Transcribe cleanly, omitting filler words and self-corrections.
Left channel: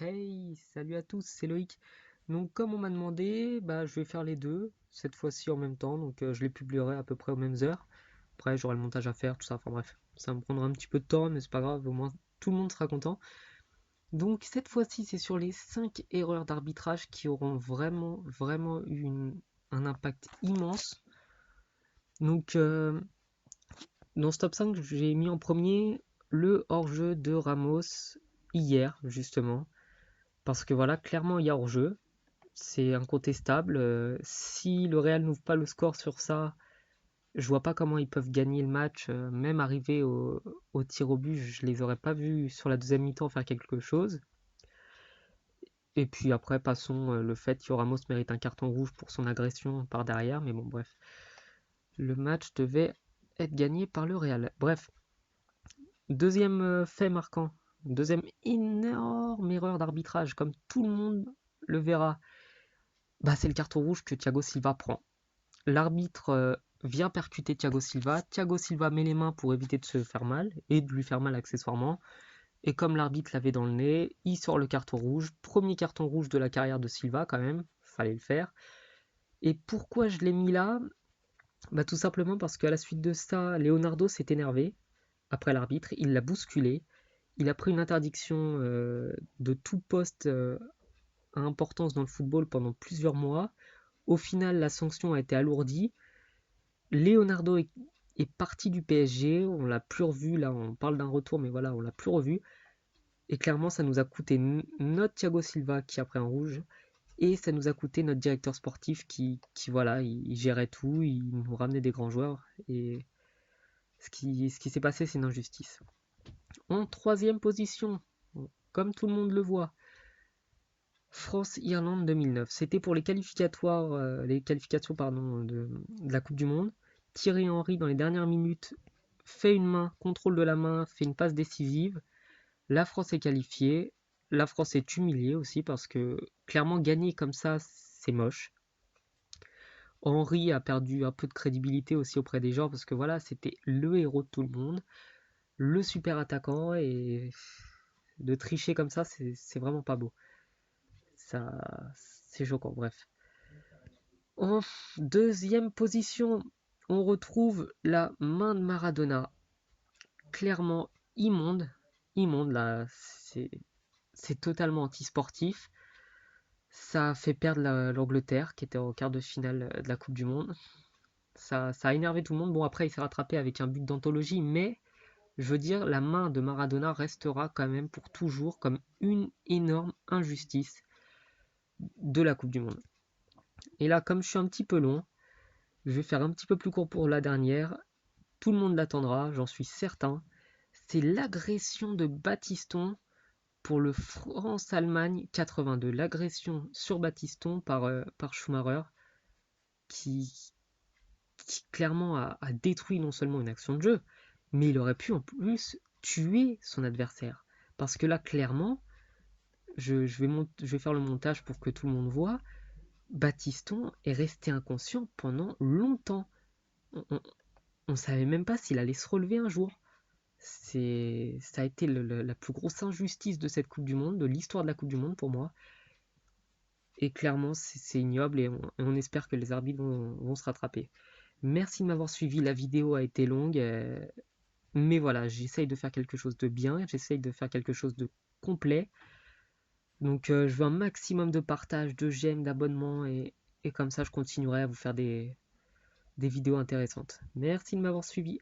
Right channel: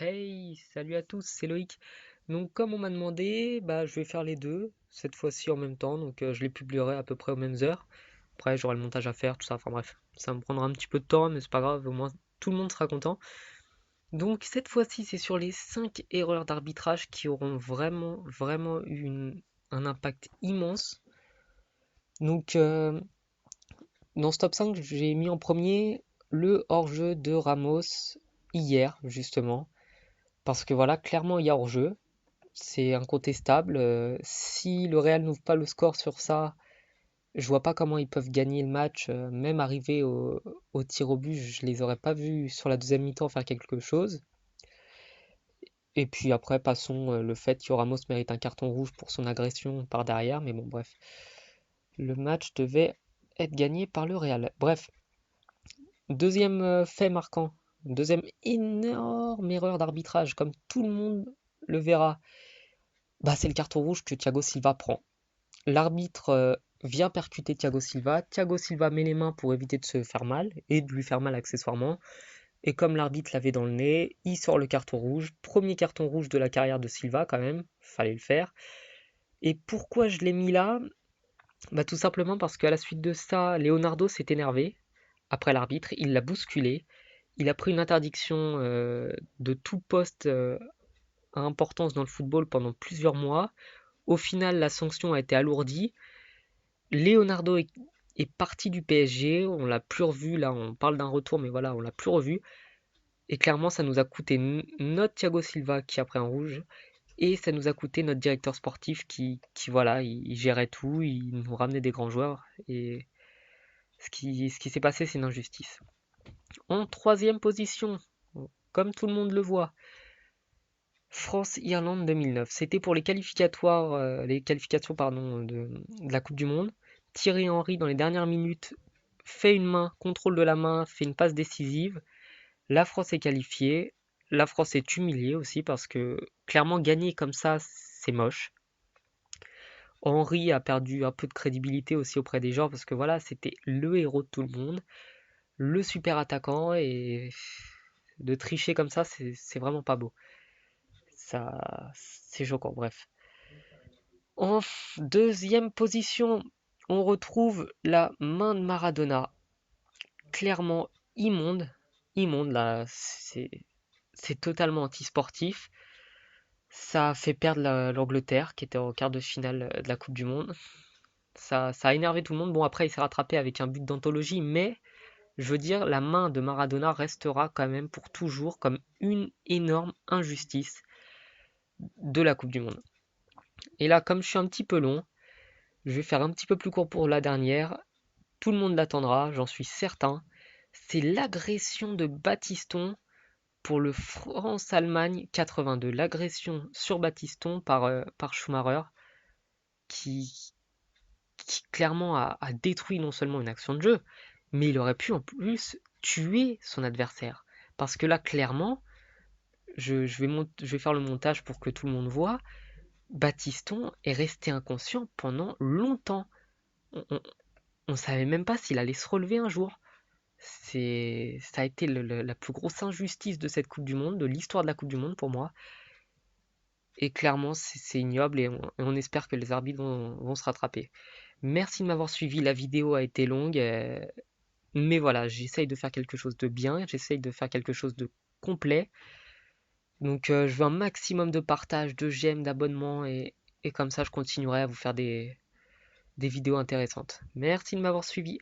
Hey, salut à tous, c'est Loïc. Donc comme on m'a demandé, je vais faire les deux, cette fois-ci en même temps, donc je les publierai à peu près aux mêmes heures. Après j'aurai le montage à faire, tout ça, enfin bref, ça me prendra un petit peu de temps, mais c'est pas grave, au moins tout le monde sera content. Donc cette fois-ci c'est sur les 5 erreurs d'arbitrage qui auront vraiment eu un impact immense. Donc dans ce top 5, j'ai mis en premier le hors-jeu de Ramos hier, justement, parce que voilà, clairement il y a hors-jeu. C'est incontestable. Si le Real n'ouvre pas le score sur ça, je vois pas comment ils peuvent gagner le match. Même arriver au tir au but, je les aurais pas vus sur la deuxième mi-temps faire quelque chose. Et puis après, passons le fait que Ramos mérite un carton rouge pour son agression par derrière. Mais bon, bref. Le match devait être gagné par le Real. Bref, deuxième fait marquant. Deuxième énorme erreur d'arbitrage, comme tout le monde le verra. C'est le carton rouge que Thiago Silva prend. L'arbitre vient percuter Thiago Silva. Thiago Silva met les mains pour éviter de se faire mal et de lui faire mal accessoirement. Et comme l'arbitre l'avait dans le nez, il sort le carton rouge. Premier carton rouge de la carrière de Silva quand même, fallait le faire. Et pourquoi je l'ai mis là? Tout simplement parce qu'à la suite de ça, Leonardo s'est énervé après l'arbitre, il l'a bousculé. Il a pris une interdiction de tout poste à importance dans le football pendant plusieurs mois. Au final, la sanction a été alourdie. Leonardo est parti du PSG, on l'a plus revu, là on parle d'un retour, mais voilà, on l'a plus revu. Et clairement, ça nous a coûté notre Thiago Silva qui a pris un rouge, et ça nous a coûté notre directeur sportif qui voilà, il gérait tout, il nous ramenait des grands joueurs, et ce qui s'est passé, c'est une injustice. En troisième position, comme tout le monde le voit, France-Irlande 2009. C'était pour les qualificatoires, les qualifications pardon, de la Coupe du Monde. Thierry Henry, dans les dernières minutes, fait une main, contrôle de la main, fait une passe décisive. La France est qualifiée. La France est humiliée aussi parce que clairement gagner comme ça, c'est moche. Henry a perdu un peu de crédibilité aussi auprès des gens parce que voilà, c'était le héros de tout le monde, le super attaquant et de tricher comme ça, c'est vraiment pas beau. Ça, c'est choquant, bref. En deuxième position, on retrouve la main de Maradona. Clairement immonde. Immonde, là, c'est totalement antisportif. Ça a fait perdre l'Angleterre, qui était en quart de finale de la Coupe du Monde. Ça a énervé tout le monde. Bon, après, il s'est rattrapé avec un but d'anthologie, mais je veux dire, la main de Maradona restera quand même pour toujours comme une énorme injustice de la Coupe du Monde. Et là, comme je suis un petit peu long, je vais faire un petit peu plus court pour la dernière. Tout le monde l'attendra, j'en suis certain. C'est l'agression de Battiston pour le France-Allemagne 82. L'agression sur Battiston par Schumacher qui, qui clairement a détruit non seulement une action de jeu, mais il aurait pu en plus tuer son adversaire. Parce que là, clairement, je vais faire le montage pour que tout le monde voit. Battiston est resté inconscient pendant longtemps. On savait même pas s'il allait se relever un jour. Ça a été la plus grosse injustice de cette Coupe du Monde, de l'histoire de la Coupe du Monde pour moi. Et clairement, c'est ignoble et on espère que les arbitres vont se rattraper. Merci de m'avoir suivi, la vidéo a été longue, mais voilà, j'essaye de faire quelque chose de bien, j'essaye de faire quelque chose de complet. Donc je veux un maximum de partage, de j'aime, d'abonnements et comme ça je continuerai à vous faire des vidéos intéressantes. Merci de m'avoir suivi.